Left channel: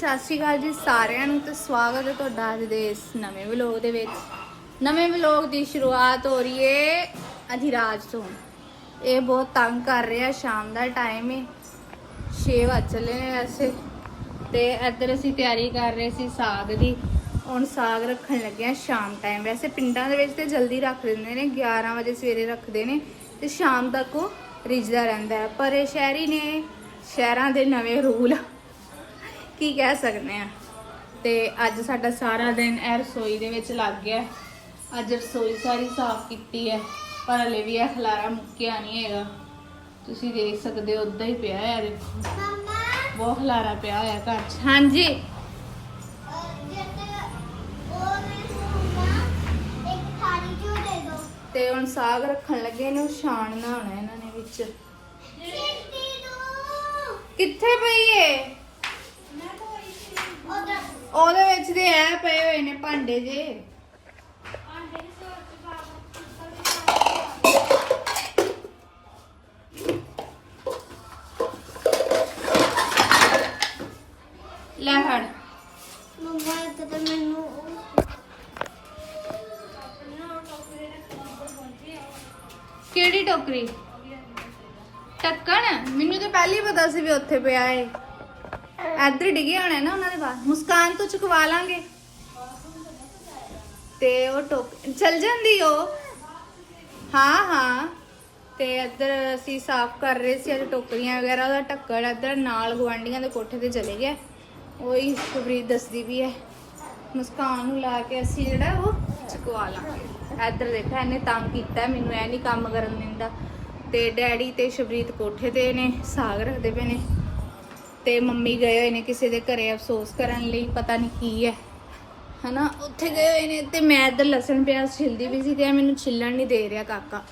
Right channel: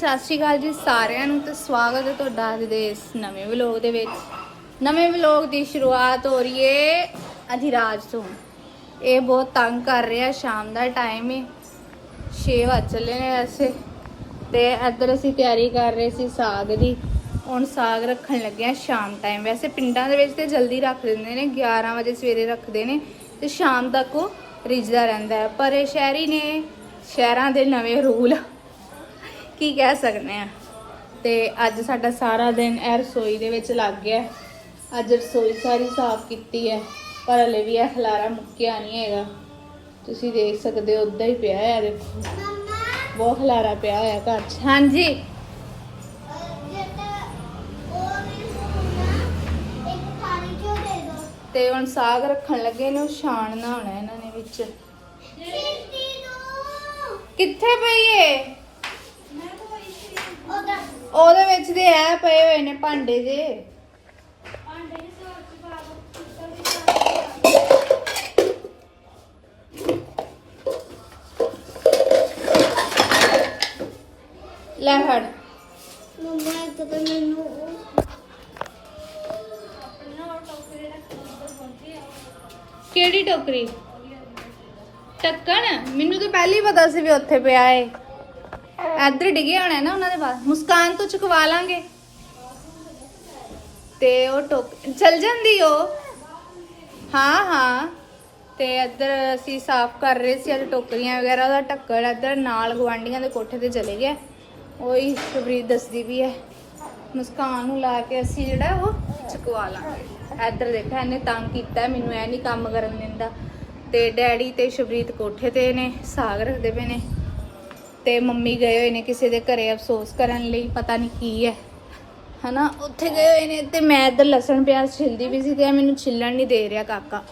ਸਤਿ ਸ਼੍ਰੀ ਅਕਾਲ ਜੀ ਸਾਰਿਆਂ ਨੂੰ ਤੇ ਸਵਾਗਤ ਹੈ ਤੁਹਾਡਾ ਅੱਜ ਦੇ ਇਸ ਨਵੇਂ ਵਲੌਗ ਦੇ ਵਿੱਚ। ਨਵੇਂ ਵਲੌਗ ਦੀ ਸ਼ੁਰੂਆਤ ਹੋ ਰਹੀ ਏ ਅਧਿਰਾਜ ਤੋਂ। ਇਹ ਬਹੁਤ ਤੰਗ ਕਰ ਰਿਹਾ, ਸ਼ਾਮ ਦਾ ਟਾਈਮ ਹੈ 6 ਵਜ ਚੱਲੇ ਨੇ ਵੈਸੇ। ਤੇ ਇੱਧਰ ਅਸੀਂ ਤਿਆਰੀ ਕਰ ਰਹੇ ਸੀ ਸਾਗ ਦੀ। ਹੁਣ ਸਾਗ ਰੱਖਣ ਲੱਗੇ ਆ ਸ਼ਾਮ ਟਾਈਮ ਵੈਸੇ ਪਿੰਡਾਂ ਦੇ ਵਿੱਚ ਤੇ ਜਲਦੀ ਰੱਖ ਦਿੰਦੇ ਨੇ 11 ਵਜੇ ਸਵੇਰੇ ਰੱਖਦੇ ਨੇ ਤੇ ਸ਼ਾਮ ਤੱਕ ਉਹ ਰਿੱਝਦਾ ਰਹਿੰਦਾ ਪਰ ਇਹ ਸ਼ਹਿਰੀ ਨੇ, ਸ਼ਹਿਰਾਂ ਦੇ ਨਵੇਂ ਰੂਲ ਕੀ ਕਹਿ ਸਕਦੇ ਆ? ਤੇ ਅੱਜ ਸਾਡਾ ਸਾਰਾ ਦਿਨ ਇਹ ਰਸੋਈ ਦੇ ਵਿੱਚ ਲੱਗ ਗਿਆ। ਅੱਜ ਰਸੋਈ ਸਾਰੀ ਸਾਫ਼ ਕੀਤੀ ਹੈ ਪਰ ਹਲੇ ਵੀ ਇਹ ਖਲਾਰਾ ਮੁੱਕਿਆ ਨਹੀਂ ਹੈਗਾ। ਤੁਸੀਂ ਦੇਖ ਸਕਦੇ ਹੋ ਉਦਾਂ ਹੀ ਪਿਆ ਹੈ ਦੇਖੋ। ਬਹੁਤ ਖਲਾਰਾ ਪਿਆ ਹੋਇਆ ਘਰ 'ਚ। ਹਾਂਜੀ। ਤੇ ਹੁਣ ਸਾਗ ਰੱਖਣ ਲੱਗੇ ਨੇ ਉਹ ਛਾਣਨਾ ਹੋਣਾ ਇਹਨਾਂ ਨੇ ਵਿੱਚ। ਕਿੱਥੇ ਪਈ ਏ? ਉਹਦੇ ਵਿੱਚ ਦੇ ਐ ਪਏ ਹੋਏ ਨੇ ਭਾਂਡੇ ਜੇ। ਲੈ ਫੜ। ਕਿਹੜੀ ਟੋਕਰੀ? ਟੱਕਣ? ਮੈਨੂੰ ਤਾਂ ਪਹਿਲਾਂ ਹੀ ਪਤਾ ਸੀ ਵੀ ਉੱਥੇ ਪਿਆ ਏ। ਇੱਧਰ ਡਿੱਗਿਆ ਹੋਣਾ ਨਾ ਉਹਨਾਂ ਦੇ ਬਾਅਦ ਮੁਸਕਾਨ ਤੋਂ ਚੁਕਵਾ ਲਾਂਗੇ। ਤੇ ਉਹ ਟੋਕ ਚਲ ਜਾਂਦੀ ਉਹ। ਹਾਂ ਹਾਂ। ਤੇ ਇੱਧਰ ਅਸੀਂ ਸਾਫ਼ ਕਰ ਰਹੇ ਸੀ, ਅੱਜ ਟੋਕਰੀਆਂ ਵਗੈਰਾ ਦਾ ਢੱਕਣ। ਇੱਧਰ ਨਾਲ ਗਵਾਂਡੀਆਂ ਦੇ ਕੋਠੇ ਤੇ ਚਲੇ ਗਿਆ। ਉਹੀ ਸਬਰੀਤ ਦੱਸਦੀ ਵੀ ਹੈ। ਮੁਸਕਾਨ ਨੂੰ ਲਾ ਕੇ ਅਸੀਂ ਜਿਹੜਾ ਉਹ ਚੁਕਵਾ ਲਾਂਗੇ। ਇੱਧਰ ਦੇਖਾ, ਇਹਨੇ ਤੰਗ ਕੀਤਾ, ਮੈਨੂੰ ਐ ਨਹੀਂ ਕੰਮ ਕਰਨ ਦਿੰਦਾ। ਤੇ ਡੈਡੀ ਤੇ ਸ਼ਬਰੀਤ ਕੋਠੇ ਤੇ ਨੇ, ਸਾਗ ਰੱਖਦੇ ਪਏ ਨੇ। ਤੇ ਮੰਮੀ ਗਏ ਹੋਏ ਨੇ ਕਿਸੇ ਦੇ ਘਰੇ ਅਫਸੋਸ ਕਰਨ ਲਈ ਪਤਾ ਨਹੀਂ ਕੀ ਹੈ। ਹਨਾ? ਉੱਥੇ ਗਏ ਹੋਏ ਨੇ ਤੇ ਮੈਂ ਇੱਧਰ ਲਸਣ ਪਿਆਜ਼ ਛਿਲਦੀ ਵੀ ਸੀ ਤੇ ਇਹ ਮੈਨੂੰ ਛਿੱਲਣ ਨਹੀਂ ਦੇ ਰਿਹਾ ਕਾਕਾ।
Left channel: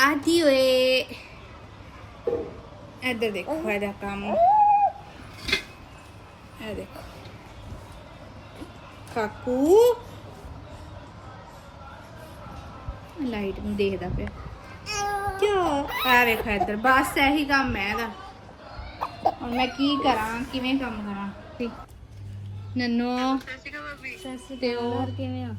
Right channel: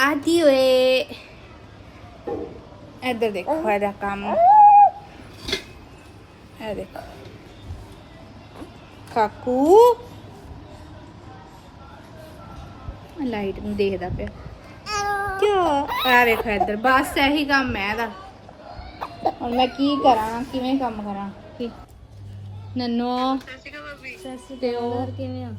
ਆਦੀ ਓਏ। ਇੱਧਰ ਦੇਖੋ ਇਹਦਾ ਕੰਮ। ਇਹ ਦੇਖੋ। ਕਾਕੂ। ਲਾਈਟ ਨੂੰ ਦੇਖਦਾ ਪਿਆ। ਕਿਉਂ? ਆ ਵੇਖੋ ਇੱਧਰ। ਬਸ ਇਹੀ ਕੰਮ ਹੈ ਇਹਦਾ। ਹੁਣ ਮੈਂ ਕੀ ਕਰਾਂ ਕਿਵੇਂ ਕੰਮ ਕਰਾਂ? ਨਨੋ ਤੇ ਉਹ ਕਿਵੇਂ ਆ?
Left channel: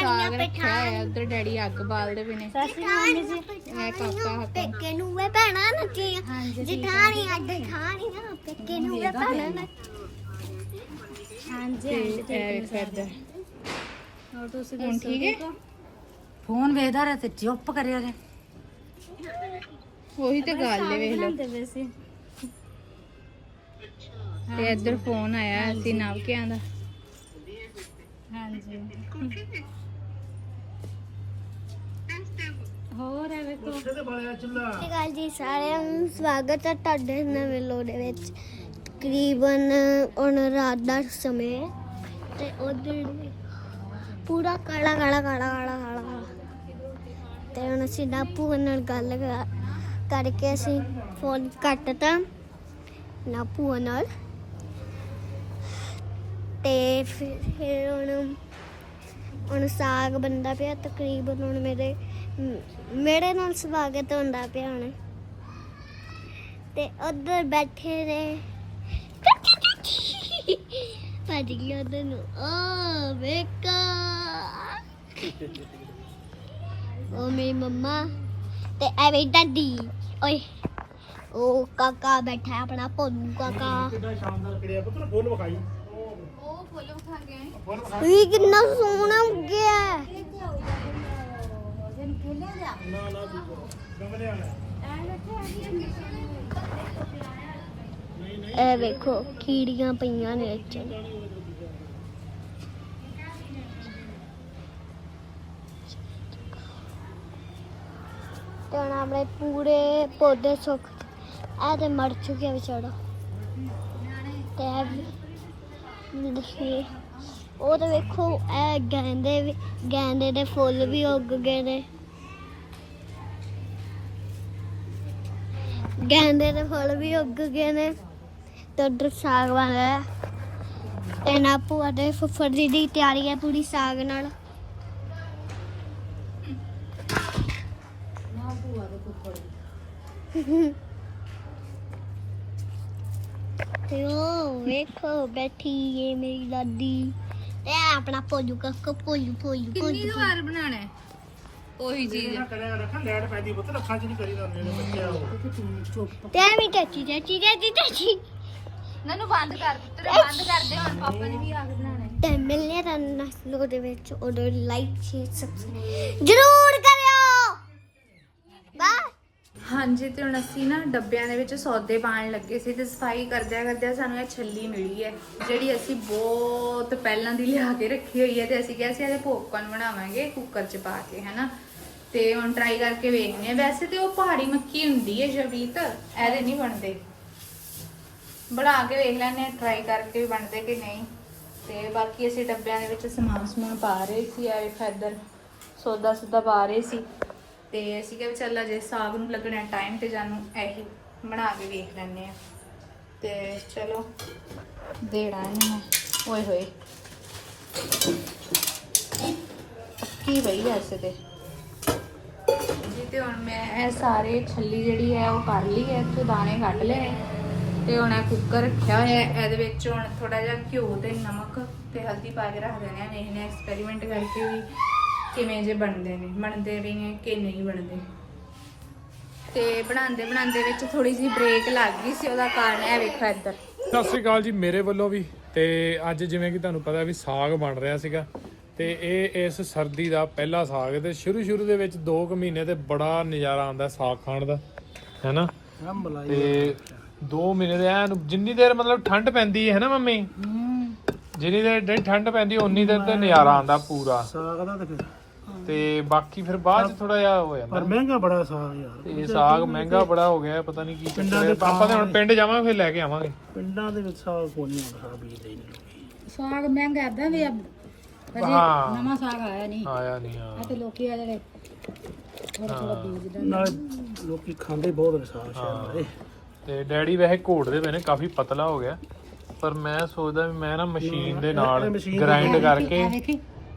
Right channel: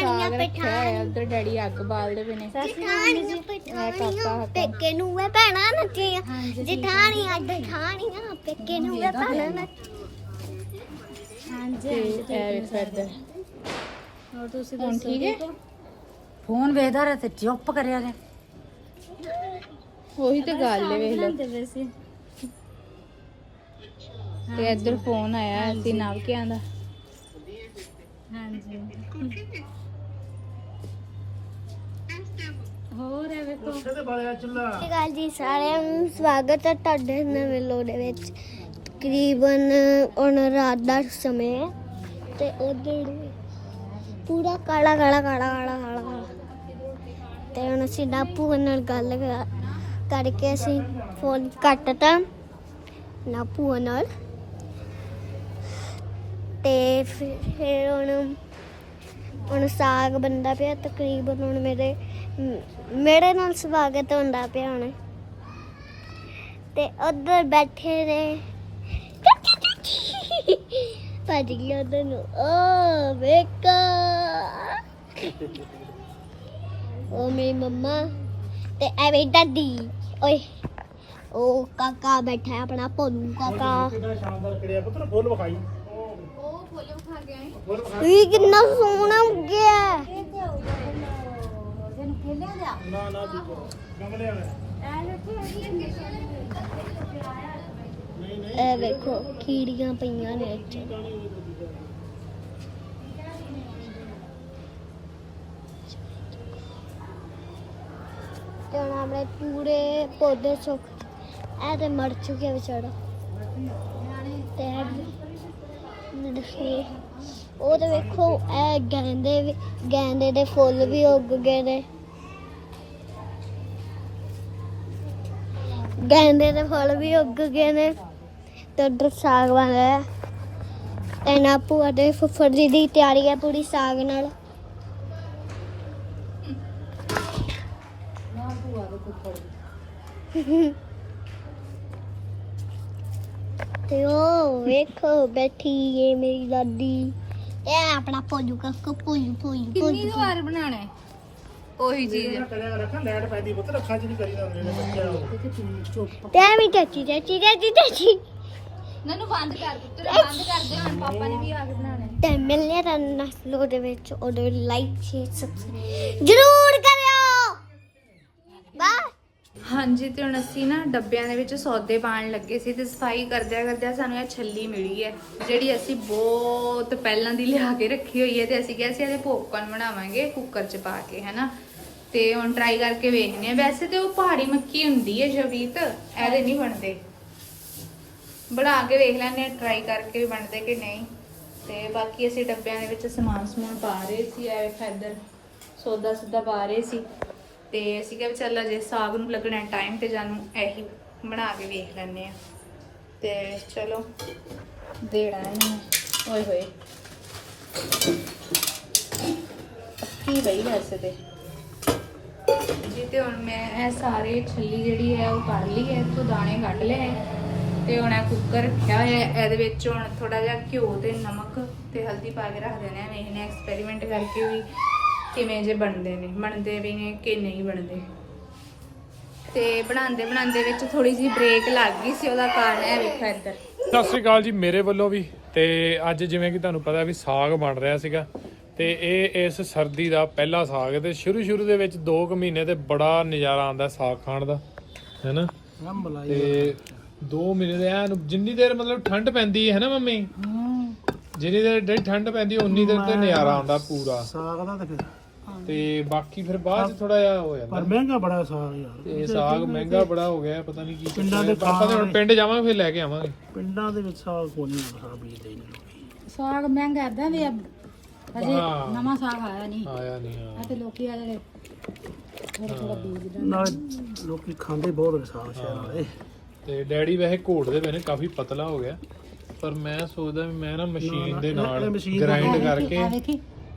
ਸਾਗ ਰੱਖਿਆ ਹੋਇਆ ਉੱਧਰ ਡੈਡੀ ਅੱਗ ਬਾਲਦੇ ਪਏ ਨੇ। ਇਹ ਕਾਕਾ ਹੱਥ ਪੇਕੇ ਨੂੰ ਵੇ ਭੈਣਾ ਨੱਚੀਆਂ ਜਿਠਾਣੀ ਅੱਡ ਠਾਣੀਆਂ ਪੇਕੇ ਨੂੰ ਵੇ ਭੈਣਾ ਨੱਚ ਤੇ ਇਹ ਵੇਖੋ ਇੱਧਰ ਹੋਰ ਤੁਸੀਂ ਹੁਣ ਠੀਕ ਹੈ? ਫੋਨ ਵੇਖਦਾ ਰਿਹਾ ਤੇ ਚੁੱਪ ਕਰਿਆ ਗਿਆ। ਉਹੀ ਤੇ ਗੱਲ ਹੈ ਵੇਖ ਲਓ ਵੈਸੇ ਤੇ ਇੱਧਰ ਫੋਨ ਆਇਆ ਸੀ ਨਵ ਕੇ ਆਂਦਾ ਹਾਂਜੀ। ਹੋਰ ਹੈ ਵੇਖੋ ਗੱਲ ਜੀ ਸਾਰਿਆਂ ਨੂੰ ਸਵਾਗਤ ਹੈ ਤੁਹਾਡੇ ਨਵੇਂ ਲੋੜ ਦੇ ਵਿੱਚ। ਤਕਰੀਬਨ ਹੁਣ ਰਾਤ ਦਾ ਸਮੇਂ ਹੈ ਤੇ ਉਧਰ ਪੂਰਾ ਕਾਲਾ ਕਾਲਾ ਕਾਲਾ ਕਾਲਾ ਕਾਲਾ ਕਾਲਾ। ਤੇ ਹੁਣ ਅਸੀਂ ਨਾਪੂ ਨਾਲ ਗੱਲ ਕਰ- ਕਰਕੇ ਅਸੀਂ ਫੋਨ ਕੱਟਤਾ। ਨਾਪੂ ਨਾਲ। ਤੇ ਫਿਰ ਫਿਰ ਹੁਣ ਹੁਣ ਸਾਗ ਬੰਦਾ ਪਿਆ ਤਕਰੀਬਨ ਹੁਣ ਮੇਰੇ ਮੇਰੇ ਨਾਲ ਸਵਾਗਤ ਹੁੰਦਾ ਪਿਆ ਹੁਣ। ਤੇ ਉਧਰ ਬੈਠੇ ਨੇ। ਭੱਜ ਗਿਆ ਉਧਰ ਨੂੰ। ਓ ਵੇਕਾ ਉਹ ਮੇਰੀ ਮੰਮਾ ਤੇ ਐ ਮੇਰੀ ਦਾਦੀ ਓਏ, ਉਹ ਕਾਕਾ ਬੈਠਾ ਆਪਣਾ, ਭੋਲੂ ਕਾਕਾ। ਕਿੰਨਾ ਸ਼ਾਨਦਾਰ ਕਰਿਆ ਪੁੱਤਰ ਫੁੱਲ ਵਿਖਾਈ। ਵੀ ਕਿੰਨਾ ਸੋਹਣਾ ਉੱਗਿਆ ਹੈ। ਨਾ ਨਾ ਠੀਕ ਗਮਲੇ ਵਾਲਾ ਇਹ ਵੇਖੋ ਕੀੜੀਆਂ ਪਈਆਂ ਨੇ ਇੱਥੇ ਤੇ ਹੁਣ ਆਪਣੇ ਪੂਰੇ ਪੌਦੇ ਸੁੱਕ ਇਹ ਤੇ ਮਰ ਚੁੱਕੇ ਵਿਚਾਰਾ ਦੇਖੀਏ। ਉਹ ਤੇ ਵੇਖੋ ਇਹ ਗੈਂਦੇ ਵੀ ਗੈਂਦੇ ਦੇ ਫੁੱਲ ਵੀ ਉੱਗ ਗਏ ਨੇ। ਗੈਂਦੇ ਦੇ ਫੁੱਲ ਵੀ ਉੱਗ ਗਏ ਨੇ। ਤੇ ਉਧਰ ਸਾਗ ਬਣ ਰਿਹਾ। ਤੇ ਨਾ ਭੂਆ ਦੇ ਫੁੱਫੜ ਜੀ ਦੀ ਤਿਆਰੀ ਹੈ ਪੂਰੀ ਸਾਗ ਨਾਲ। ਤੇ ਉਹ ਵੇਖੋ ਬੈਠੀ ਏ ਮੇਰੀ ਦਾਦੀ। ਇਹ ਆਪਣਾ ਪੋਜੂ ਕੱਕ ਪੋਜੂ ਪੋਜੂ ਕਿੰਨੀ ਵਾਰ ਬਣਾਣਾ ਹੈ? ਉਹੀ ਚੀਜ਼ ਕਰਿਆ ਰੱਖਾਂ ਲੈਣ ਪੈਂਦੀ ਪੁੱਤ ਅੱਖਾਂ ਚ ਨਹੀਂ ਕਰੀ ਨਾ ਜਿਹੜੇ ਬੱਚੇ ਆ ਉਹ। ਤੇ ਐਵੇਂ ਚਾਚੀ ਚਾਚੀ ਚਾਚੀ ਚਾਚੀ। ਨਨੂੰ ਬੰਦ ਕਰ ਦਿੱਤੇ ਬੰਦ ਕਰ ਦੇ ਹੁਣ ਪਾਪਾ ਨੇ ਵੀ ਆ ਕੇ ਬਣਾਣਾ ਹੈ। ਤੇ ਮਿਲਨੇ ਤਾਂ ਨਸਲੋ ਦੇ ਵਿੱਚ। ਉਹਦੇ ਲਾਈਕ ਸ਼ੇਅਰ ਸਬਸਕ੍ਰਾਈਬ ਜ਼ਰੂਰ ਬਾਏ ਹਾਂਜੀ, ਤੇ ਹੁਣ ਅਸੀਂ ਨਾ ਡੱਬਿਆਂ ਦੇ ਵਿੱਚ ਸੌਦੇ ਪਾਣ ਲੱਗੇ ਸੀ ਤੇ ਸਫ਼ਾਈ ਕਰਦਿਆਂ ਕਰਦਿਆਂ ਸਾਨੂੰ ਇਹ ਛੱਲੀ ਮਿਲੀ ਹੈ, ਜਿਹੜੀ ਅਸੀਂ ਬਹੁਤ ਪਹਿਲਾਂ ਦੀ ਲਿਆ ਕੇ ਰੱਖੀ ਹੋਈ ਹੈ ਤੇ ਅਸੀਂ ਕਿਹਾ ਸੀ ਇਹਦੇ ਪੋਪਕਾਰਨ ਬਣਾਵਾਂਗੇ ਕੁੱਕਰ 'ਚ ਪਾ ਕੇ, ਹਨਾ? ਤੇ ਹੁਣ ਟਰਾਈ ਕਰਕੇ ਵੇਖਨੇ ਆ ਵੈਸੇ ਤੇ ਉਹ ਪਹਾੜੀ ਮੱਕੀ ਹੁੰਦੀ ਹੈ ਜਵੀਤ, ਇਹਦੇ ਨਹੀਂ ਬਣਦੇ। ਬਣਾ ਕੇ ਵੇਖ ਲੈਣੇ ਟਰਾਈ ਕਰਕੇ ਵੀ ਬਣਦੇ ਕਿ ਨਹੀਂ। ਤੇ ਬਾਕੀ ਅਸੀਂ ਡੱਬਿਆਂ ਦੇ ਵਿੱਚ ਸਮਾਨ ਸਮੂਨ ਪਾ ਰਹੇ ਸੀ ਐ ਵੇਖ ਇੱਧਰ ਸੌਦਾ ਸੁਦਾ ਪਾ ਰਹੇ ਸੀ। ਤੇ ਅਸੀਂ ਕਿਹਾ ਵੀ ਚੱਲ ਅਜੇ ਸਾਗ ਨੂੰ ਲੱਗਣਾ ਟਾਈਮ ਤੇ ਜਾਨੂੰ ਇਹੀ ਬਣਾ ਕੇ ਵੇਖ ਲੈਣੇ ਆ ਤੇ ਚਲੋ ਦੇੜਾ ਨਹੀਂ ਓਏ ਹੋਏ। ਕੀ ਬਈ ਵੈਸੇ ਤੇ? ਜੀ ਤੇ ਹੁਣ ਮੈਂ ਇਹ ਸਾਰੇ ਛੱਲੀ ਜਿਹੜੀ ਹੈ ਉਹ ਕਰ ਲਈ ਹੈ, ਇੱਥੋਂ ਦਾਣੇ ਕੱਢ ਲਏ ਹੈ। ਤੇ ਹੁਣ ਇਹ ਕੁੱਕਰ ਰੱਖਿਆ ਹੋਇਆ ਇਹਦੇ ਵਿੱਚ ਹੁਣ ਥੋੜਾ ਜਿਹਾ ਘਿਓ ਤੇ ਨਮਕ ਤੇ ਹਲਦੀ ਪਾ ਕੇ ਰੱਖ ਦੇਣਾ ਹੈ। ਵੇਖਨੇ ਐਕਸਪੈਰੀਮੈਂਟ ਕਰਕੇ ਵੀ ਕਿਵੇਂ ਜੇ ਬਣਦੇ ਨੇ ਬਣਦੇ ਵੀ ਨੇ ਕਿ ਨਹੀਂ ਬਣਦੇ। ਤੇ ਬਣਾਉਂਦੇ ਬਣਾਉਂਦੇ ਵਿੱਚ ਥੋੜੀ ਜਿਹੀ ਬ੍ਰੇਕ ਲੱਗ ਗਈ ਸੀ ਉਹਦਾ ਕਾਰਨ ਇਹ ਵੇਖੋ ਇੱਧਰ। ਸਤਿ ਸ੍ਰੀ ਅਕਾਲ ਜੀ ਮੇਰੇ ਵੱਲੋਂ ਵੀ ਤੇ ਅੱਜ ਜਿਵੇਂ ਕਿ ਤੁਹਾਨੂੰ ਪਤਾ ਵੀ ਸਾਗ ਬਣ ਰਿਹਾ ਸੀਗਾ ਤੇ ਇਹ ਇਸ ਸਰਦੀ ਦਾ ਪਹਿਲਾ ਸਾਗ ਹੈ ਤੇ ਸ਼ੁਰੂ ਸ਼ੁਰੂ ਦੇ ਵਿੱਚ 2 ਕੁ ਮਹੀਨੇ ਤੇ ਬੜਾ ਨਜ਼ਾਰਾ ਆਉਂਦਾ ਸਾਗ ਖਾਣ ਦਾ ਹੈਨਾ? ਤੇ 2 ਮਹੀਨੇ ਦੇ ਐਨ ਜਿੰਨੀ ਦੇਰ ਮਤਲਬ ਠੰਡ ਪੈਂਦੀ ਹੈ ਨਾ ਮੰਮੀ? ਜਿੰਨੀ ਦੇਰ ਠੰਡ ਪੈਂਦੀ ਉਨੀ ਦੇਰ ਤੇ ਨਜ਼ਾਰਾ ਆਉਂਦਾ ਪੂਰਾ। ਸਾਗ ਦਾ ਤੇ ਫਿਰ ਤੇ ਬਾਕੀ ਫਿਰ ਬਾਅਦ ਚ ਥੋੜਾ ਜਿਹਾ ਹੋ ਜਾਂਦਾ ਪਰ ਮਹਿੰਗਾ ਬੜਾ ਸਾਗ ਯਾਰ। ਤੇ ਸਾਗ ਮਹਿੰਗਾ ਬੜਾ ਹੋ ਗਿਆ ਪਤਾ ਨਹੀਂ ਕੀ ਚੱਕਰ ਹੈ। ਆਪਾਂ ਤੇ ਹੁਣ ਪਿੰਡ ਜਾਵਾਂਗੇ ਫਿਰ ਲੈ ਕੇ ਆਵਾਂਗੇ। ਪਿੰਡਾਂ ਦੇ ਵਿੱਚ ਸਾਗ ਕੋਈ ਨਹੀਂ ਹੁੰਦਾ ਬੀਜ ਦੇ ਸਾਗ ਮਹਿੰਗਾ ਕਰਦਾ ਵੀ ਹਾਂ। ਨਵਾਂ ਸਾਗ ਆਇਆ ਨਹੀਂ ਆਇਆ ਨਹੀਂ ਆ ਤੇ ਲੋਕੀ ਆ ਜਿਹੜੇ ਥੋੜਾ ਥੋੜਾ ਬੀਜ ਦੇ ਨਾਲ ਲੋਕੀ ਖਾਂਦੇ ਬਹੁਤ ਨੇ ਸਾਗ ਸ਼ਹਿਰ ਦੇ ਤੇ ਡੈਡੀ ਵੈਸੇ ਘੋਟਦੇ ਪਏ ਨੇ ਕਾਫੀ ਪਤਲਾ ਹੋ ਗਿਆ। ਪਰ ਮੈਂ ਸੋਚਦਾ ਵੀ ਮੈਂ ਨਾ ਮਸ਼ੀਨ ਦੇ ਨਾਲ ਮਸ਼ੀਨ ਗ੍ਰਾਈਂਡ ਕਰਕੇ ਆ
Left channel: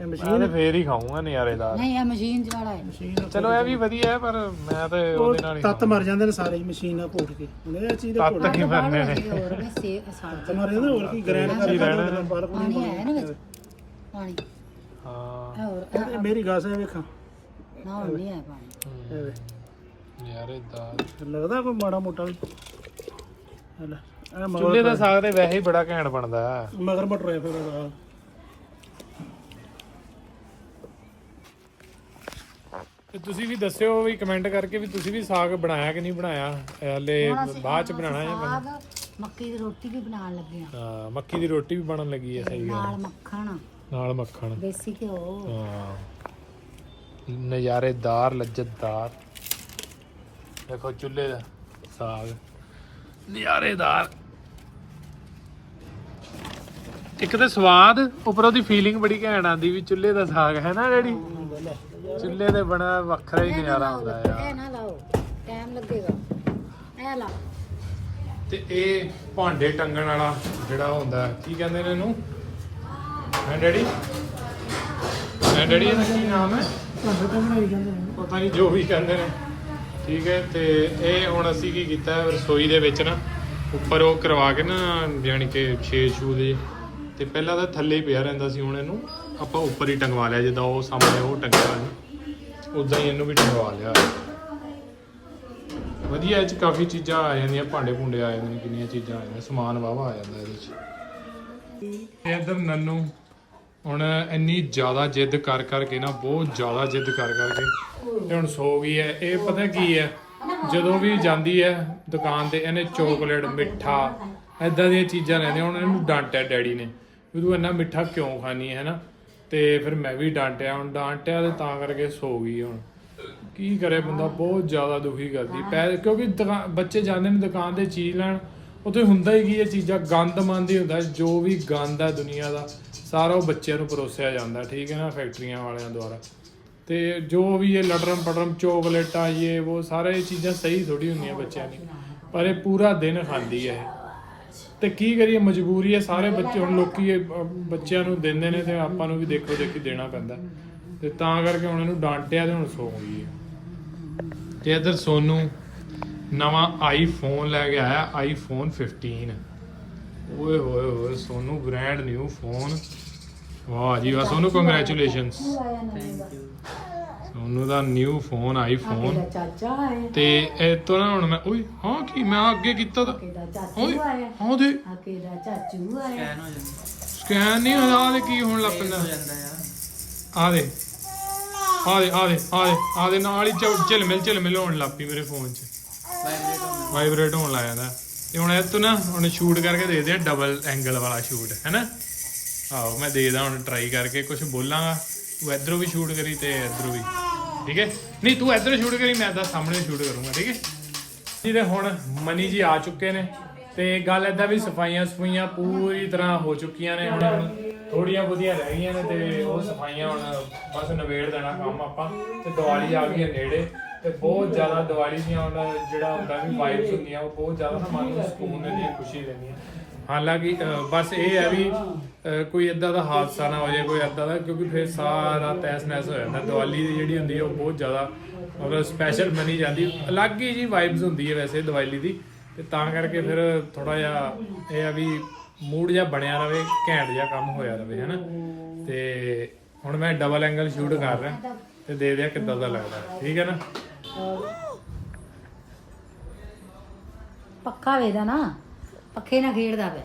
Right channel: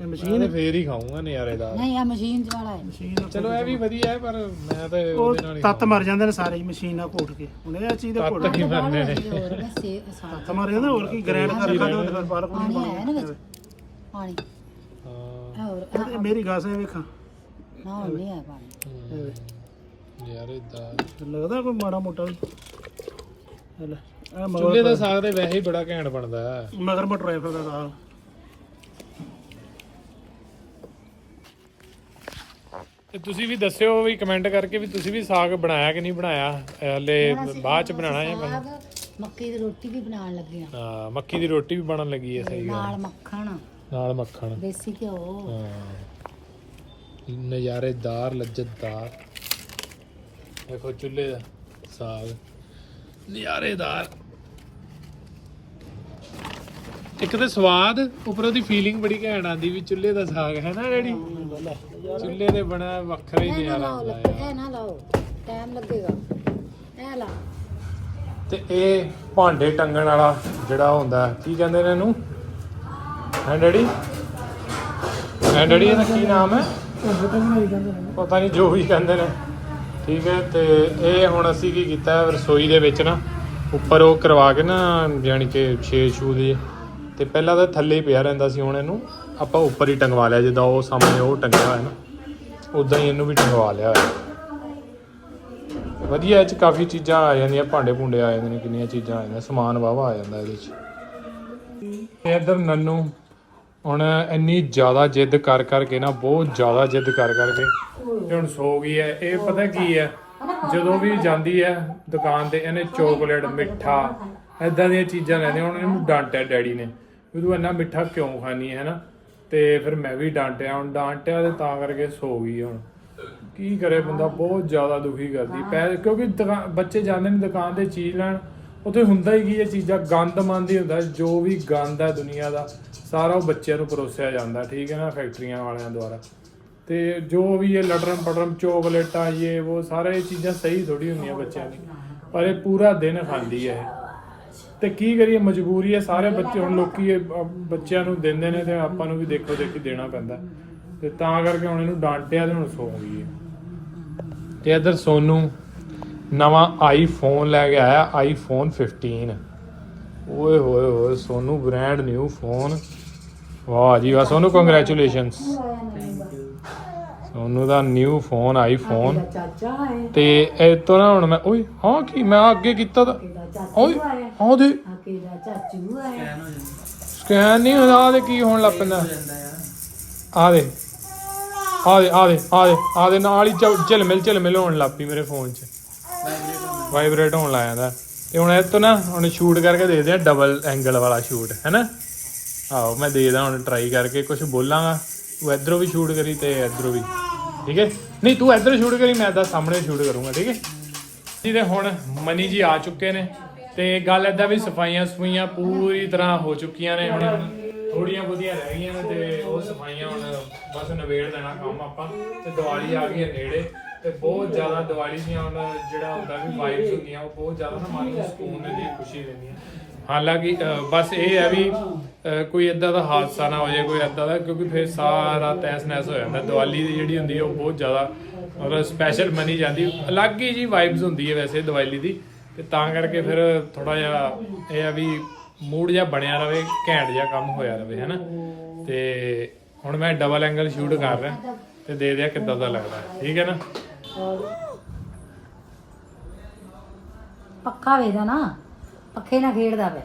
ਇਹ ਮਸ਼ੀਨ ਮੈਂ ਤੇ ਫੇਰ ਹੀ ਖਾਊਂਗਾ ਨਜ਼ਾਰੇਦਾਰ ਨਹੀਂ ਆ ਮਸ਼ੀਨ ਵਾਲਾ ਹੈ। ਮਸ਼ੀਨ ਚਲੋ ਇਹ ਵੀ ਵਧੀਆ ਹੈ ਪਰ ਮੈਂ ਤੇ ਉਹਦੇ ਨਾਲ ਹੀ ਤੱਤ ਮਰ ਜਾਂਦੇ ਨੇ ਸਾਰੇ ਹੀ ਮਸ਼ੀਨ ਨਾਲ ਘੋਟ ਕੇ। ਹੁਣ ਇਹ ਚੀਜ਼ ਦਾ ਘੋਟ ਤੱਤ ਹੀ ਮਰਨੇ ਨੇ? ਹੋਰ ਵਸੇ ਸਾਗ ਤੱਤ ਮਰ ਜਾਂਦਾ ਹੋਰ ਕੀ ਗ੍ਰੈਂਡ ਕਰ ਲੈਣਾ ਬਾਹਰ ਪਾਣੀ ਪਾਣੀ ਹੈ ਨਾ ਵਿੱਚ? ਪਾਣੀ। ਹਾਂ। ਹੋਰ ਇਹ ਮੇਰੀ ਗਾਸ ਹੈ ਵੇਖਾਂ। ਨਾ ਹੁਣ ਨਹੀਂ ਆ ਪਾਣੀ। ਇਹ ਵੇਖ। ਨਜ਼ਾਰੇਦਾਰ ਲੱਗਦਾ ਕੋਈ ਮਾੜਾ ਮੋਟਾ ਵੀ। ਚੁੱਲ੍ਹੇ ਦਾ ਸਾਗ ਤੇ ਵੈਸੇ ਹੀ ਬੜਾ ਘੈਂਟ ਬਣਦਾ ਹੈ। ਮਗਰ ਮਟਰ ਹੈ ਫਿਰ ਦਾ ਤੇ ਤੁਸੀਂ ਵੀ ਦੱਸਿਓ ਵੀ ਕਮੈਂਟ ਕਰਕੇ ਵੀ ਤੁਸੀਂ ਵੀ ਸਾਗ ਬਣਾਇਆ ਕਿ ਨਹੀਂ ਬਣਾਇਆ? ਹਲੇ ਬਾਅਦ ਚ ਬਣਾਣਾ ਹੈ ਸਾਗ ਮੱਕੀ ਦੀ ਰੋਟੀ ਵੀ ਬਣਾਉਣ ਲੱਗੇ ਆ ਹਾਂ ਮੱਕੀ ਦੀ ਰੋਟੀ ਵੀ ਬਣਨ ਲੱਗੀ ਹੈ ਸਹੀ ਨਾਲ ਮੱਖਣ। ਨਾਲ ਮੱਖਣ। ਦੇਸੀ ਘਿਓ। ਹਾਂ। ਨਜ਼ਾਰੇਦਾਰ ਲੱਜਤਦਾਰ। ਦੇਖੋ ਚੁੱਲ੍ਹੇ ਦਾ ਸਾਗ। ਨਜ਼ਾਰੇਦਾਰ। ਇੱਕ ਤਾਂ ਸਵਾਦ ਉੱਪਰੋਂ ਦੀ ਫੀਲਿੰਗ ਬੜੀ ਘੈਂਟ ਆਂਦੀ ਵੀ ਚੁੱਲ੍ਹੇ ਦਾ ਸਾਗ ਹੈ ਨਾ ਡੈਡੀ? ਚੁੱਲ੍ਹੇ ਤੇ ਬਣਾ ਵੱਖਰਾ ਹੀ ਨਜ਼ਾਰਾ ਆਉਂਦਾ ਆ ਇਹ ਨਾ ਲਾਓ। ਟਾਈਮ ਲੱਗੇਗਾ। ਇਹ ਲਾ। ਤੇ ਇਹ ਭਾਂਡੇ ਟੰਗਣ ਵਾਲਾ ਜਿਹੜਾ ਹੁੰਦਾ ਕੀ ਕਹਿੰਦੇ ਨੇ ਇਹਨੂੰ? ਹੈ ਡੈਡੀ? ਹੈ ਡੈਡੀ ਇਹਦਾ ਕੀ ਨਾਮ ਹੈ? ਪਤਾ ਨਹੀਂ ਜੋ ਵੀ ਕਹਿੰਦੇ ਨੇ। ਠੀਕ ਹੈ ਤੇ ਇਹ ਹੁਣ ਅਸੀਂ ਕੀ ਕੀਤਾ ਹੈ, ਰਸੋਈ ਦੇ ਵਿੱਚ ਨਾ ਉੱਪਰ ਉਹ ਕਰਵਾ ਕੇ ਨਾ ਯਾਨੀ ਕਿ ਛੇ ਛੂ ਦੇ ਤੇ ਪਹਿਲਾਂ ਤਾਂ ਥੱਲੇ ਹੀ ਪਿਆ ਰਹਿੰਦਾ ਸੀ ਹੁਣ ਇਹਨੂੰ ਆਪਾਂ ਉੱਪਰ ਹੀ ਟੰਗਵਾ ਲਿਆ, ਜਿੱਦਾਂ ਉਹ ਸਾਹਮਣੇ ਉਹ ਟੰਗਿਆ ਹੋਇਆ ਨਾ, ਉਦਾਂ ਹੀ ਇਹਨੂੰ ਵੀ ਟੰਗਵਾ ਲਿਆ ਹੋਇਆ। ਵਧੀਆ, ਇਹ ਚ ਕਾਫੀ ਚੀਜ਼ਾਂ ਆ ਜਾਂਦੀਆਂ, ਭਾਂਡੇ ਭੁੰਡੇ ਆ ਜਾਂਦੇ ਨੇ, ਕਿੰਨੀਆਂ ਚੀਜ਼ਾਂ ਆ ਜਾਂਦੀਆਂ, ਸਮਾਨ ਵਾਵਾ ਆ ਜਾਂਦਾ ਇਹਦੇ ਚ। ਤੇ ਇੱਧਰ ਨੰਨੂ, ਹੁਣ ਇੰਨੀ ਜ਼ਿਆਦਾ ਜਿੱਦ ਕਰ ਕਰਕੇ ਨਾ, ਬਹੁਤ ਜ਼ਿਆਦਾ ਜਿੱਦ ਕਰ ਕਰਕੇ, ਤੇ ਹੁਣ ਸੋ ਗਈ ਹੈ। ਇਹ ਪਤਾ ਕੀ ਹੈ, ਜਦੋਂ ਵੀ ਜਾਂਦੀ ਹੈ ਦੁਕਾਨ ਤੇ, ਇਹਨੇ ਚੋਕਲੇਟ, ਮਿੱਠਾ ਐਦਾਂ ਦੀਆਂ ਚੀਜ਼ਾਂ ਲੈਣੇ ਹੁਣ ਇਹਨੂੰ ਡਾਂਟਿਆ ਡੈਡੀ ਨੇ। ਵੀ ਤੂੰ ਇੰਨਾ ਮਿੱਠਾ ਕਿਉਂ ਖਾਣੀ ਹੈ ਨਾ ਤੇ ਫਿਰ ਮੈਂ ਵੀ ਡਾਂਟਿਆ ਹੁਣ ਡਾਂਟਿਆ ਤੇ ਤਾਂ ਕਰਕੇ ਸੋ ਗਈ ਹੁਣ। ਕੀ ਕਰੇ ਬੰਦਾ? ਬਹੁਤ ਜ਼ਿਆਦਾ ਦੁਖੀ ਕਰਦੀ। ਪੈ ਕਿਉਂਕਿ ਦੁਕਾ- ਬੱਚੇ ਜਾਂਦੇ ਨੇ ਦੁਕਾਨ ਤੇ ਚੀਜ਼ ਲੈਣ ਉੱਥੇ ਹੁੰਦਾ ਹੀ ਕੀ ਇਹ ਚੀਜ਼ਾਂ ਗੰਦ ਮੰਦ ਹੀ ਹੁੰਦਾ। ਜੋ ਵੀ ਗੰਦ ਹੈ ਦੁਨੀਆ ਦਾ ਸਾਰਾ ਉਹ ਬੱਚਿਆਂ ਨੂੰ ਪਰੋਸਿਆ ਜਾਂਦਾ ਠੀਕ ਹੈ ਨਾ ਫੈਕਟਰੀਆਂ ਵਾਲਿਆਂ ਦੁਆਰਾ। ਤੇ ਜੋ ਵੀ ਇਹ ਲਟਰਮ ਪਟਰਮ ਚੋਕਲੇਟਾਂ ਇਹ ਉਹ ਸਾਰੇ ਇਹ ਚੀਜ਼ਾਂ ਸਹੀ ਥੋੜੀ ਹੁੰਦੀਆਂ ਬੱਚਿਆਂ ਦੀ। ਪਰ ਇਹ ਪੂਰਾ ਦਿਨ ਖਾਂਦੀ ਹੈ ਇਹ। ਤੇ ਕੀ ਕਰੀਏ, ਮਜਬੂਰੀ ਹੈ, ਸਾਰੇ ਬੱਚੇ ਹੁਣ ਲੋਕੀ ਇਹ, ਅਹ, ਬੱਚਿਆਂ ਨੂੰ ਦਿੰਦੇ ਨੇ ਤੇ ਆਪਾਂ ਨੂੰ ਵੀ ਦੇਖੋ ਦੇਖੀ ਦੇਣਾ ਪੈਂਦਾ। ਤੇ ਤਾਂ ਕਰਕੇ ਹੁਣ ਇਹਨੂੰ ਡਾਂਟਿਆ ਤੇ ਹੁਣ ਸੌਂ ਗਈ ਹੈ। ਤੇ ਇਧਰ ਸੋਨੂ, ਨਵਾਂ ਆਈਫੋਨ ਲੈ ਕੇ ਆਇਆ ਆਈਫੋਨ 15 ਓਏ ਹੋਏ ਹੋਏ, ਸੋਨੂੰ ਬ੍ਰਾਂਡ ਨਿਊ ਫੋਨ ਵਾਹ ਜੀ ਵਾਹ, ਸੋਨੂੰ ਕੰਗ੍ਰੈਚੁਲੇਸ਼ਨਸ ਸੋਨੂੰ ਦਾ ਨਿਊ ਫੋਨ ਆਈਫੋਨ ਚਾਚਾ ਆਏ ਤੇ ਇਹ ਤੋਂ ਨਾ ਹੁਣ ਮੈਂ ਓਏ ਹਾਂ ਕੀ ਮੈਂ ਅੱਗੇ ਕੀਤਾ ਤਾਂ। ਕਿਹਦਾ ਓਏ ਚਾਚੂ ਆਇਆ। ਹਾਂ ਦੇ ਆ ਕਿਹਦਾ ਚਾਚੂ ਆਇਆ। ਸਕੈਨ ਨਹੀਂ ਹੋਣਾ ਆ ਦੇ ਕੀ ਹੋਣ ਲੱਗ ਪੈਂਦਾ। ਆ ਦੇ ਆ ਦੇ ਆ ਦੇ ਆ ਦੇ ਆ ਦੇ ਨਾਲ ਹੀ ਝਿਲ ਮਿਲ ਝਿਲ ਮਿਲ ਹੋਣ ਲੱਗ ਪਈ ਮੇਰੇ ਫੋਨ 'ਚ। ਵਾਈਬ੍ਰੇਟ ਹੋਣ ਲੱਗ ਜਾਂਦਾ। ਤੇ ਹੁਣ ਇਹ ਤੋਂ ਨਾ ਹੁਣ ਸ਼ੂਟ ਕਰਕੇ ਦੇਖਦੇ ਆ ਡਬਲ ਐਂਗਲ ਵਾਲਾ ਸ਼ੂਟ ਹੈਨਾ ਆਓ ਮੈਂ ਦੇਖਦਾ ਹੁਣ ਟਰਾਈ ਕਰਕੇ ਕੁਝ ਬੋਲਾਂਗਾ। ਤੂੰ ਇਧਰੋਂ ਵੀ ਸ਼ੂਟ ਕਰੀ ਤੇ ਇਧਰੋਂ ਵੀ। ਠੀਕ ਹੈ? ਨਹੀਂ, ਤੂੰ ਇਧਰੋਂ ਸ਼ੂਟ ਕਰੀ, ਮੈਂ ਤਾਂ ਸਾਹਮਣੇ ਸ਼ੂਟ ਕਰੂੰਗਾ, ਠੀਕ ਹੈ? ਜੀ ਤੇ ਹੁਣ ਮਨੀ ਜੀ ਆ ਚੁੱਕੇ ਨੇ ਤੇ ਗੱਲ ਏਦਾਂ ਵੀ ਸਫਾਈਆਂ ਸਫਾਈਆਂ ਪੂਰੀ ਤਰ੍ਹਾਂ ਹੋ ਚੁੱਕੀਆਂ ਨੇ, ਹੁਣ ਥੋੜੀਆਂ ਬਹੁਤੀਆਂ ਰਹਿ ਗਈਆਂ ਨੇ ਤੇ ਉਹ ਸਫਾਈਆਂ ਹੁਣ ਬਸ ਨਵੇੜ ਦੇਣਾ ਕੰਮ ਆਪਾਂ ਤੇ ਦੀਵਾਲੀ ਆ ਗਈ ਹੈ ਨੇੜੇ ਤੇ ਬਹੁਤ ਜ਼ਿਆਦਾ ਦੀਵਾਲੀ ਦੀਆਂ ਹੁਣ ਜਿਹੜਾ ਹੁੰਦਾ ਵੀ ਵਾਈਬਸ ਹੁੰਦੀਆਂ, ਉਹ ਬਹੁਤ ਜ਼ਿਆਦਾ ਨਾ ਮਨ ਨੂੰ ਸਕੂਨ ਦਿੰਦੀਆਂ, ਖੁਸ਼ੀ ਦਿੰਦੀਆਂ। ਹਾਲਾਂਕਿ ਅ, ਬਸ ਇਹ ਹੈ ਵੀ ਅ, ਕੋਈ ਇਦਾਂ ਦਾ ਹਾਦਸਾ ਨਾ ਹੋ ਜਾਏ ਕੋਈ ਇਦਾਂ ਦਾ ਕਿਉਂਕਿ ਫਿਰ ਸਾਰਾ ਤਹਿਸ ਨਹਿਸ ਹੋ ਜਾਂਦਾ। ਦੀਵਾਲੀ ਦੀ ਜਿਹੜੀ ਹੁੰਦੀ ਹੈ ਉਹ ਬਹੁਤ ਜ਼ਿਆਦਾ ਮਤਲਬ ਸਪੈਸ਼ਲ ਮੰਨੀ ਜਾਂਦੀ। ਅਲੱਗ ਹੀ ਜੀ ਵਾਈਬਸ ਹੁੰਦੀ ਹੈ ਵੈਸੇ ਦੀਵਾਲੀ ਦੀ। ਤੇ ਤਾਂ ਕਰਕੇ ਫਿਰ ਥੋੜਾ ਜਿਹਾ ਇਹ ਆ ਵੀ ਮੂਡ ਜਿਹਾ ਬਣਿਆ ਰਵੇ ਘੈਂਟ ਜਿਹਾ ਕੰਮ ਹੋਇਆ ਰਵੇ ਹੈਨਾ। ਤੇ ਹੁਣ ਮੈਂ ਡਬਲ ਐਂਗਲ ਸ਼ੂਟ ਕਰ ਰਿਹਾ ਤੇ ਦੇ ਦਿਆ ਕਿੱਦਾਂ ਦਾ ਲੱਗਦਾ। ਠੀਕ ਹੈ ਨਾ? ਪੱਕਾ ਵੇਦਾ ਨਾ। ਪੱਖੇ ਨਾਲ ਖੇਡਦਾ ਵੇ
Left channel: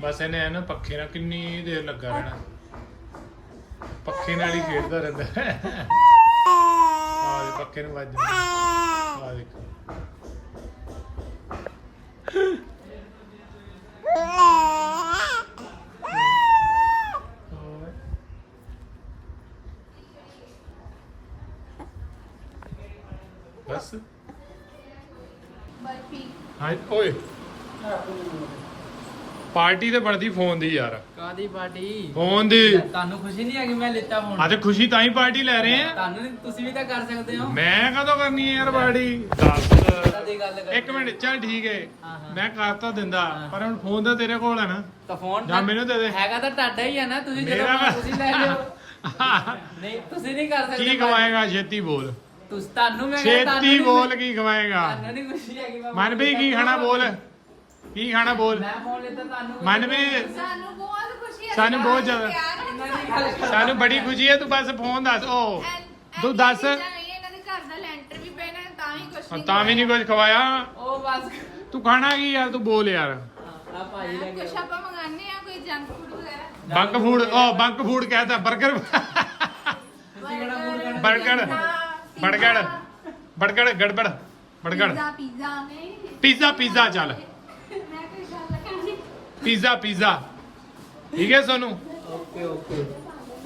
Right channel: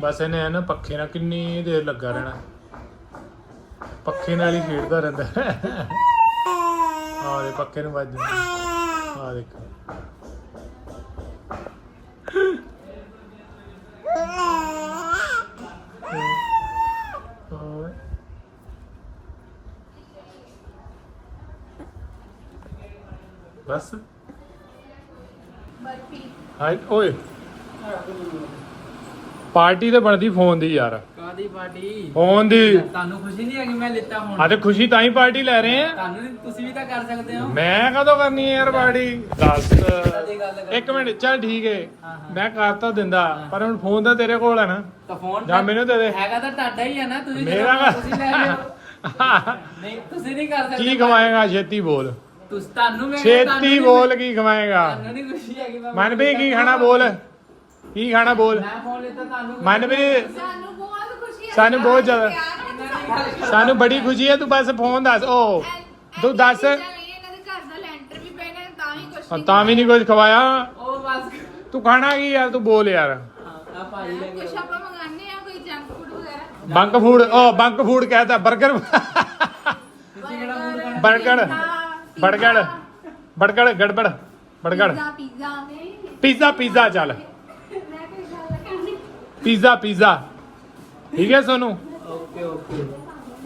ਬਸ ਇਹਨੇ ਐ ਨਾ ਪੱਖੇ ਨਾਲ ਕਿੰਨੀ ਦੇਰ ਲੱਗਾ ਰਹਿਣਾ। ਪੱਖੇ ਨਾਲ ਹੀ ਖੇਡਦਾ ਰਹਿੰਦਾ। ਆ ਦੇ ਪੱਖੇ ਨੂੰ ਵੱਜ ਆ ਦੇਖ ਓਏ। ਬਸ ਓਏ। ਪਾਰਟੀ ਤੇ ਬਣਦੀ ਫੋਨ ਦੀ ਯਾਰ। ਕਾਦੀ ਪਾਰਟੀ? ਫੋਨ ਦੀ। ਤੁਹਾਨੂੰ ਖੁਸ਼ੀ ਨਹੀਂ ਹੈਗੀ ਮੈਂ ਲਿੱਤਾ ਹੁਣ। ਤੇ ਖੁਸ਼ੀ ਤਾਂ ਹੀ ਪਾਰਟੀ ਲੈ ਰਹੇ ਆ। ਤੁਹਾਨੂੰ ਤੁਸੀਂ ਵੀ ਤਾਂ ਕਰ ਸਕਦੇ ਹੋ। ਮੈਂ ਕਦੋਂ ਕਰਨੀ ਹੈ ਯਾਰ ਪਾਰਟੀ? ਦੱਸ। ਇੱਕ ਮਿੰਟ ਚੱਲ ਠੀਕ ਹੈ ਹਾਂ, ਹਾਂ। ਮੈਂ ਕਰ ਤਾਂ ਦਿੰਦਾ ਪਰ ਹੁਣ ਫੋਨ ਤਾਂ ਤੇਰੇ ਕੋਲ ਹੈ ਨਾ। ਤਾਂ ਫੋਨ ਜਾਂ ਮੈਨੂੰ ਦੇ ਦੇ। ਹੈਗਾ ਤਾਂ ਤੁਹਾਡਾ ਹੀ ਆ ਨਾ ਤੁਸੀਂ ਮੇਰਾ ਤੁਸੀਂ ਲੈ ਲਿਓ। ਨਹੀਂ ਤੁਸੀਂ ਨਹੀਂ ਕਰ ਸਕਦੇ ਕੀ ਖਵਾਏਗਾ ਛੇਤੀ ਬੋਲ। ਤੁਸੀਂ ਤੁਹਾਨੂੰ ਮੈਂ ਕਿਹਾ ਤੁਹਾਨੂੰ ਛੇਤੀ ਬੋਲ ਕੀ ਖਵਾਏਗਾ? ਨਹੀਂ ਖੁਸ਼ੀ ਹੈਗੀ ਮੈਂ ਮਨ ਵੀ ਕੀ ਖਾਣਾ ਬੋਲ? ਕੀ ਖਾਣਾ ਬੋਲ? ਮੈਂ ਫੋਨ ਲਿੱਤਾ ਤੁਹਾਨੂੰ ਮਨ ਵੀ ਸਾਨੂੰ ਬਹੁਤ ਖੁਸ਼ੀ ਹੈ ਸਾਨੂੰ ਬਹੁਤ ਜ਼ਿਆਦਾ ਬੜੀ ਖੁਸ਼ੀ ਹੈ ਤੂੰ ਬਸ ਫੋਨ ਦੱਸ ਓ। ਤੂੰ ਦੱਸ। ਇਹਨਾਂ ਦੇ ਘਰ ਦਾ ਲੈਂਟਰ ਵੀ ਪੈਣਾ ਤਾਂ ਹੀ ਕੁਛ ਤਾਂ ਵੀ ਨਹੀਂ ਕੁਝ ਖਵਾਇਆ। ਉਹ ਬਸ। ਤੂੰ ਖਾਣਾ ਕੀ ਯਾਰ ਤੂੰ ਬੋਲ ਯਾਰ। ਆ ਭਾਈ ਲੈ ਕੁਛ ਆਪਾਂ ਮੰਗਾਨੇ ਆ ਕੋਈ ਜੰਕ ਫੂਡ ਵਗੈਰਾ। ਬੰਕ ਫੂਡ ਓ ਬੰਕ ਫੂਡ ਕਹਤਾ 버ਗਰ ਫੂਡ ਖਾਣਾ? ਬਰਗਰ। ਬਰਗਰ ਬਰਗਰ ਗੜਬੜ ਬਰਗਰ ਪੀਜ਼ਾ ਪੀਜ਼ਾ ਨਹੀਂ ਪੀਜ਼ਾ ਪੀਜ਼ਾ ਚੱਲ। ਮੈਂ ਕੋਈ ਗੱਲ ਕਰਨੀ ਪੀਜ਼ਾ ਪੀਜ਼ਾ। ਠੀਕ ਹੈ ਸੋਨੂੰ? Okay okay.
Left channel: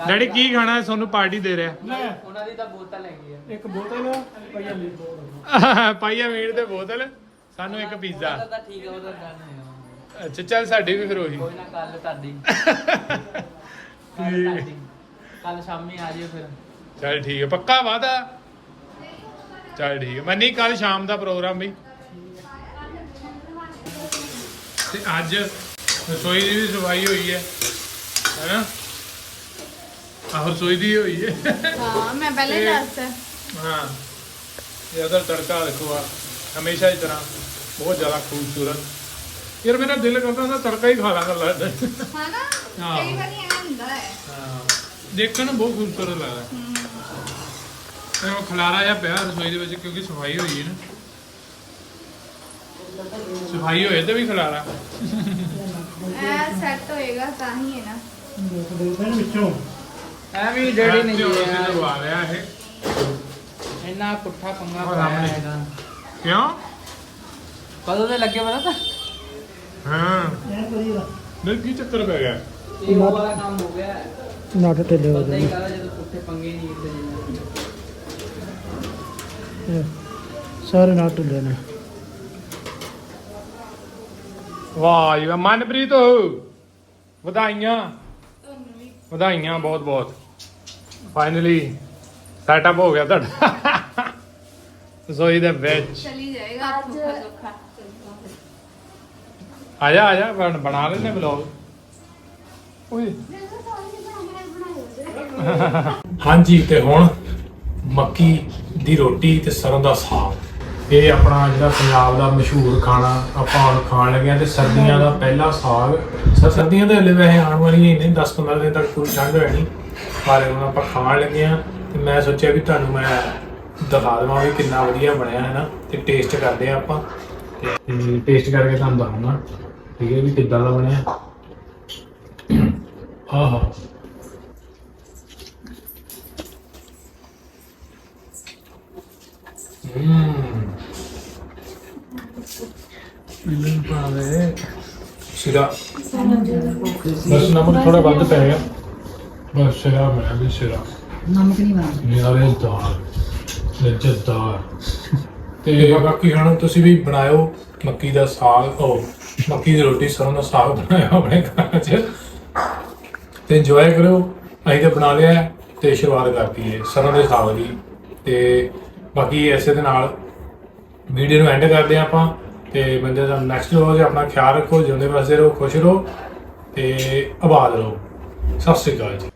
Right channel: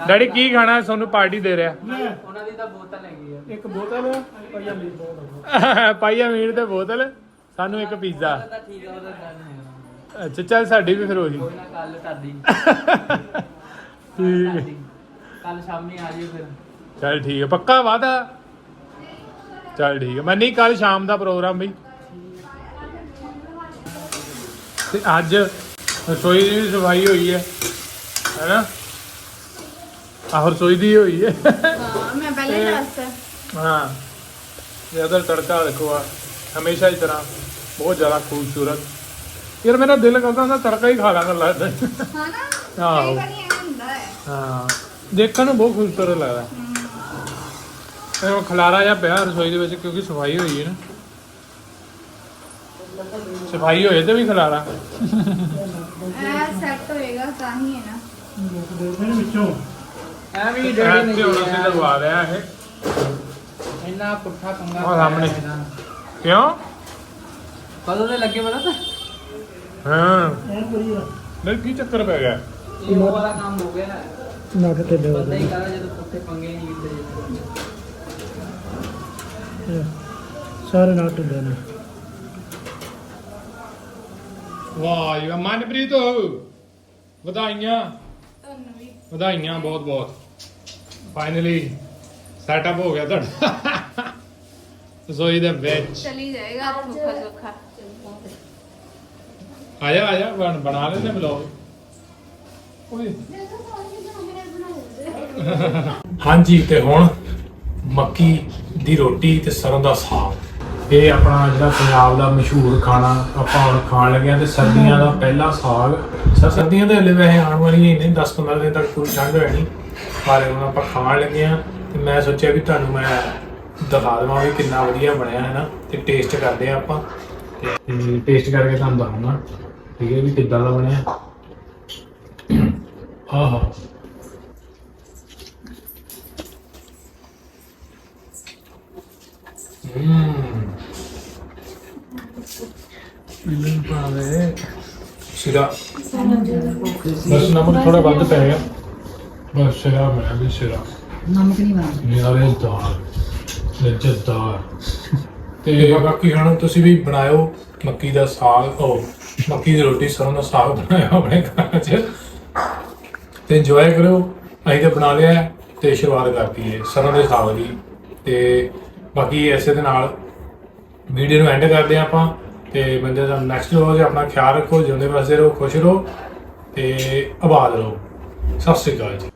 ਡੈਡੀ ਕੀ ਖਾਣਾ ਹੈ? ਸੋਨੂੰ ਪਾਰਟੀ ਦੇ ਰਿਹਾ। ਉਹਨਾਂ ਦੀ ਤਾਂ ਬੋਤਲ ਹੈਗੀ ਆ। ਇੱਕ ਬੋਤਲ ਪਾਈਆ ਮੀਟ ਤੇ ਬੋਤਲ ਸਾਨੂੰ ਇੱਕ ਪੀਜ਼ਾ। ਉਹਦਾ ਠੀਕ ਆ ਉਹਦਾ। ਅੱਛਾ ਚੱਲ ਸਾਡੀ ਵੀ ਫਿਰ ਉਹੀ। ਕੋਈ ਨਾ ਕੱਲ ਤੁਹਾਡੀ ਕੱਲ ਸ਼ਾਮੀ ਆ ਜਿਓ ਫਿਰ। ਚੱਲ ਠੀਕ ਹੈ ਪੱਕਾ ਵਾਦਾ ਚੱਲ ਠੀਕ ਹੈ ਮੈਂ ਨਹੀਂ ਕੱਲ ਸ਼ਾਮ ਦਾ ਪ੍ਰੋਗਰਾਮ ਵੀ। ਤੇ ਅੱਜ ਰਸੋਈ ਦੀ ਵੀ ਸਫ਼ਾਈ ਹੋਈ ਹੈ। ਹੈਨਾ? ਆਹ ਰਸੋਈ ਦੀ ਹੋਈ ਹੈ। ਹਾਂ ਮੈਂ ਪਹਿਲੇ ਦੱਸ ਹਾਂ ਇਹ ਅਦਰ ਤੜਕਾ ਦੇਖੋ ਆ। ਹਮੇਸ਼ਾ ਦੀ ਤਰ੍ਹਾਂ ਬਹੁਤ ਜ਼ਿਆਦਾ ਖੂਬਸੂਰਤ। ਯਾਰ ਮੇਰਾ ਦਿਲ ਕਰਦਾ ਹੁੰਦਾ ਤੜਕਾ ਹੀ ਖਾ ਲਾਂਗਾ ਲੱਗਦਾ ਹਨਾ? ਆਹੋ। ਕਈ ਵਾਰੀ ਐਂ ਹੁੰਦਾ ਹੈ। ਹਾਂ। ਦੇਖਣ ਨੂੰ ਬਹੁਤ ਖੂਬਸੂਰਤ ਲੱਗਦਾ। ਇਹ ਉਹ ਖਲਾਰਾ ਜਿਹਾ ਪਿਆ ਰਸੋਈ ਦੇ ਵਿੱਚ ਕਿਉਂਕਿ ਸਫ਼ਾਈ ਹੋਈ ਹੈ ਨਾ। ਸਫ਼ਾਈ ਹੋਏ ਤੇ ਵੀ ਖਲਾਰਾ। ਇਹ ਸੈੱਟ ਹੋਏਗਾ ਤਾਂ ਹੀ ਹੈ ਨਾ। ਵਿੱਚੋਂ। ਐ ਵੀ ਡੈਡੀ ਨੇ ਹੁਣ ਕੀਤਾ। ਅਸੀਂ ਲਗਵਾ ਰਿਹਾ ਇਹ। ਇੰਨਾ ਪੁੱਠਾ ਪੰਗਾ ਉਹ ਸਾਹਮਣੇ। ਪਾਇਆ ਹੈਗਾ। ਕਿਉਂ? ਕਦੋਂ ਦੇ ਲੱਗੇ ਪਤਾ ਤਾਂ? ਹਾਂ। ਨਹੀਂ ਕੀ ਚੱਕਰ ਪੈ ਗਿਆ? ਇਹ ਉਹ ਵਾਲਾ ਕੰਮ ਹੋ ਗਿਆ। ਨਾ ਤੇ ਪਤਾ ਹੀ ਕਰਾ ਜਦੋਂ ਪੁੱਠੇ ਪੰਗੇ ਨਹੀਂ ਕੀਤੇ ਜਾਂਦੇ ਸਾਰੇ ਨਾਲ ਢਿੱਲੇ ਨੇ। ਵਾਹ ਜੀ ਵਾਹ। ਮਨਪ੍ਰੀਤ ਵਧਾਈਆਂ। ਵਧਾਈਆਂ ਬਹੁਤ ਬਹੁਤ। ਫਾਈਨਲੀ ਸੈਟਅਪ ਹੋ ਗਿਆ ਤੁਹਾਡਾ। ਰਸੋਈ ਦੇ ਵਿੱਚ। ਚਲੀ ਜਾਏਗਾ ਧੋਖਾ ਧੋਖਾ। ਆ ਜਾ ਆ ਜਾ ਬਣ- ਬਣਾ ਵਲੌਗ ਓਏ ਹਾਂਜੀ ਤੇ ਹੁਣ ਮੱਕੀ ਦੀ ਰੋਟੀ ਤੇ ਸਰੋਂ ਦਾ ਸਾਗ। ਇਹ ਆਪਣਾ ਜਿਹੜਾ ਪੰਜਾਬ ਦਾ ਮਸ਼ਹੂਰ ਖਾਣਾ ਆਪਾਂ ਹੁਣ ਖਾਣ ਲੱਗੇ ਆ ਤੇ ਸਰਦੀਆਂ ਦਾ ਪਹਿਲਾ ਸਾਗ। ਸਰ, ਸਰਦੀਆਂ ਤਾਂ ਹਲੇ ਵੈਸੇ ਆਉਣ ਵਾਲੀਆਂ ਹੀ ਨੇ 10-15 ਦਿਨ ਤੱਕ ਪੂਰੀ ਠੰਡ ਹੋ ਜਾਣੀ ਪਰ ਹੁਣ ਆਪਾਂ ਖਾਣ ਲੱਗੇ ਆ ਤੇ ਮੈਂ ਸੋਚਿਆ ਵੀ ਤੁਹਾਨੂੰ ਮੈਂ ਦਿਖਾ ਦੇਵਾਂ ਵੀ ਕਿੰਨਾ ਵਧੀਆ ਬਣਿਆ, ਹੈ ਨਾ? ਤੇ ਟੇਸਟ ਕਰਦੇ ਆ ਆਪਾਂ। ਤੇ ਟੇਸਟ ਕਰਕੇ ਤੁਹਾਨੂੰ ਦੱਸੂਗਾ, ਠੀਕ ਹੈ ਵੀ ਕਿੱਦਾਂ ਦਾ ਬਣਿਆ। ਆਹਾ। ਹੂੰ ਮਿਲਨ ਪਾਵੇ ਸਿਰਾ। ਬਸ ਨਮਕ ਥੋੜਾ ਵੱਧ ਪੈ ਗਿਆ। ਬਸ ਸਿਰਾ ਮੈਂ ਵੀ ਸਿਰਾ। ਨਮਕ ਨਹੀਂ ਪਾਉਂਦੇ ਨਿਆਰੇ ਦਾਲ ਲੱਜਤਦਾਰ ਤੇ ਬਾਕੀ ਹੁਣ ਤੁਸੀਂ ਵੀ ਬਣਾਇਓ ਮੱਕੀ ਦਾ ਸਾਗ ਉਹ ਮੱਕੀ ਦੀ ਰੋਟੀ ਸਰੋਂ ਦਾ ਸਾਗ ਬਣਾਇਓ ਆਪਣੇ ਘਰ 'ਚ। ਤੇ ਇੰਜੋਏ ਕਰੋ ਅਸੀਂ ਤਾਂ ਬਣਾ ਲਿਆ ਤੇ ਸ਼ੁਰੂਆਤ ਕਰਤੀ ਹੈ ਸਰੋਂ ਦੇ ਸਾਗ ਦੀ। ਤੇ ਬਾਕੀ ਐਸੇ ਦੇ ਨਾਲ ਵੀਡੀਓ ਨੂੰ ਐਂਡ ਕਰਦੇ ਹਾਂ ਆਪਾਂ ਤੇ ਬੰਦੇ ਦਾ ਨੈਕਸਟ ਵਲੋਗ 'ਚ ਆਪਣਾ ਖਿਆਲ ਰੱਖੋ, ਜਿਉਂਦੇ ਵਸਦੇ ਰਹੋ, ਖੁਸ਼ ਰਹੋ ਤੇ ਆਬਾਦ ਰਹੋ। ਸਤਿ ਸ਼੍ਰੀ ਅਕਾਲ ਜੀ।